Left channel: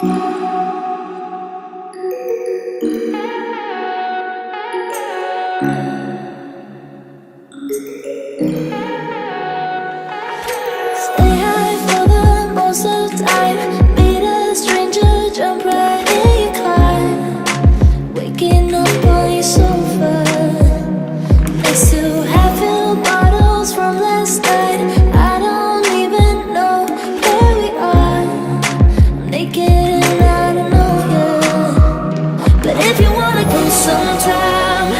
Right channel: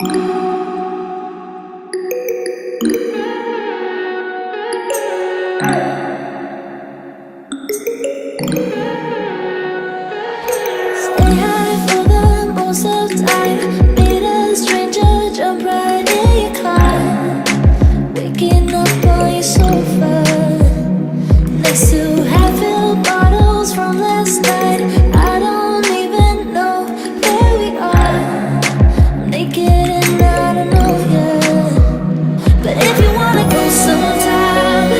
Stay high for the most of time. Meet a stranger, jump right in your climb. Waking up on your sofa next to half-filled bottles from last night. I don't even know where we are. I'm naked and I don't know yet. But if you wanna go sometime,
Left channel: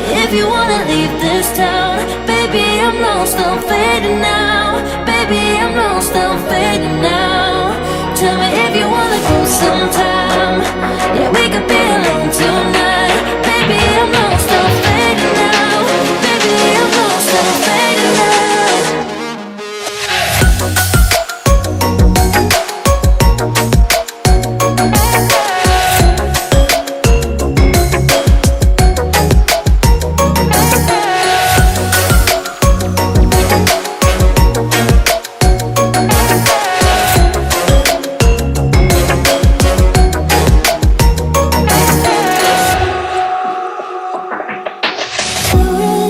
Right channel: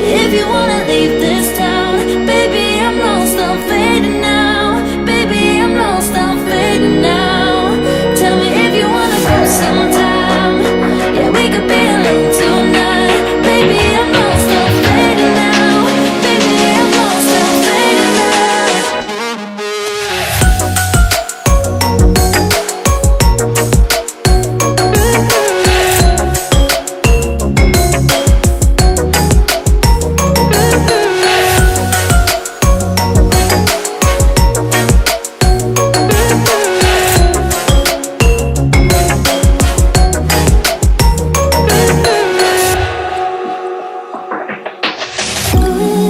if you wanna leave this town, baby, I'm lost, I'm fading now. Baby, I'm lost, I'm fading now. Tell me if you wanna go sometime. Yeah, we could be alone tonight. Baby, I'm lost, I'm fading now. Baby, I'm lost, I'm fading now.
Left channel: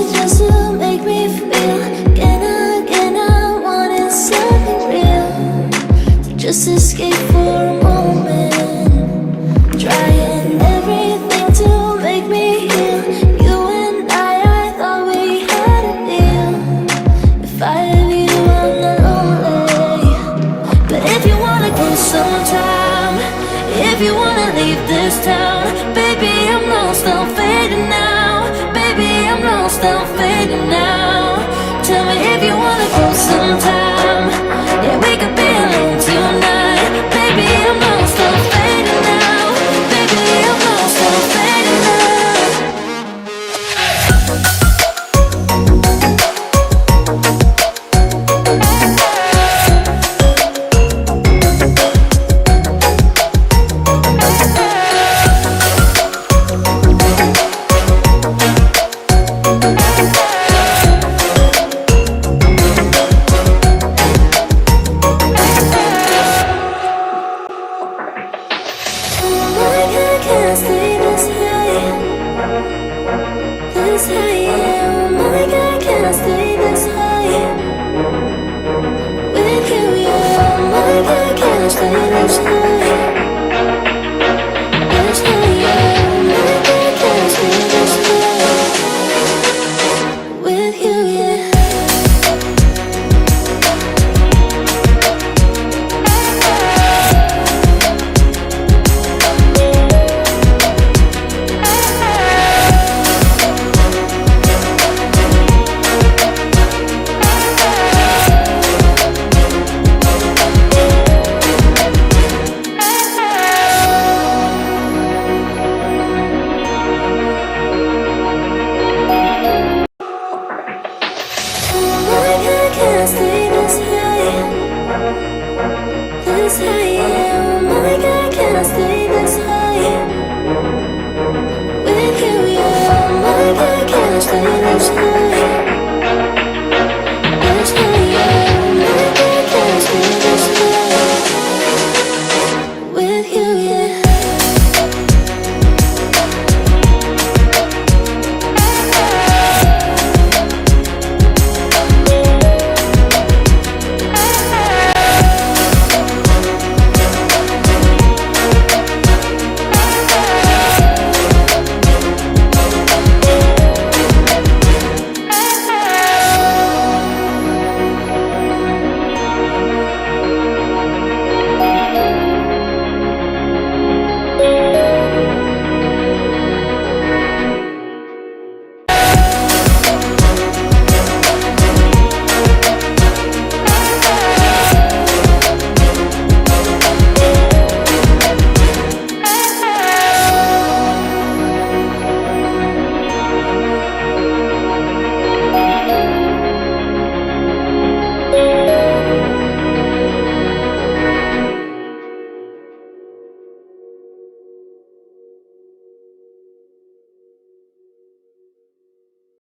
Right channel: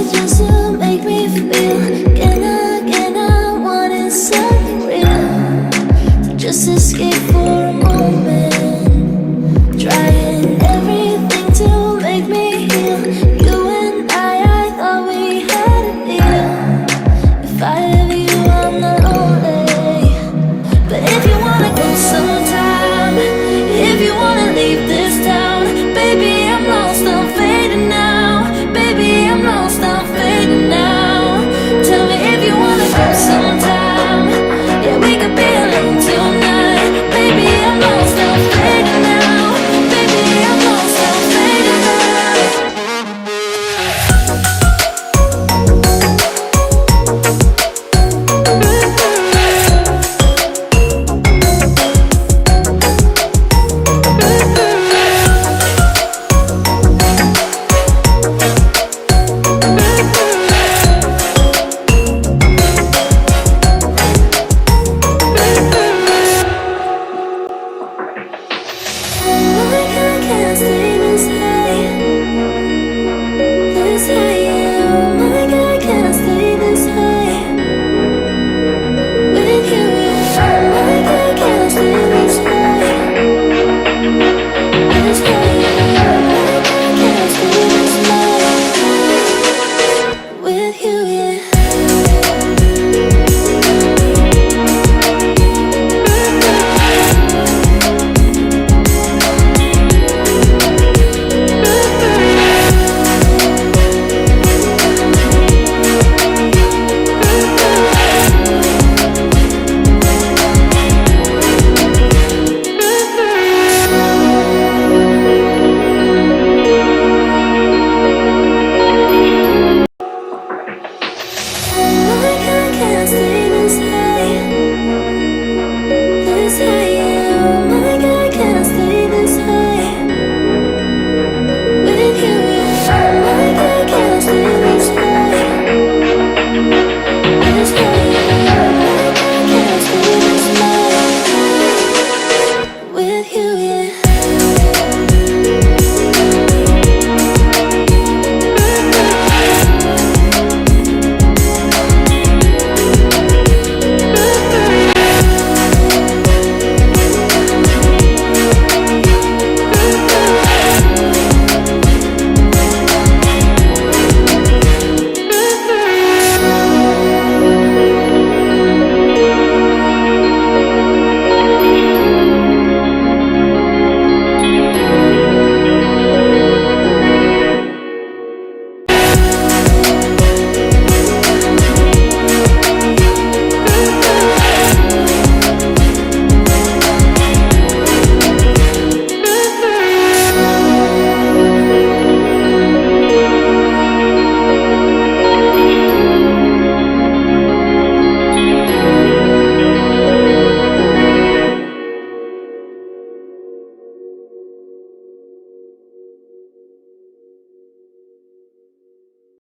Just to make me feel again I wanted something real. So just escape for a moment, trying everything to make me heal. You and I thought we had a deal. If I have you, I'm not lonely. But if you wanna go sometime, if you wanna leave this town, baby, I'm lost, I'm fading now. Baby, I'm lost, I'm fading now. Tell me if you wanna go sometime. Yeah, we could be alone tonight. Baby, I'm lost, I'm fading now. Baby, I'm lost, I'm fading now. Can't stay this high, yeah. Oh my God, can't stay this high with you, yeah. Oh my God, can't stay this high, yeah. Oh my God, can't stay this high with you, yeah. Can't stay this high, yeah. Oh my God, can't stay this high with you, yeah. Oh my God, can't stay this high.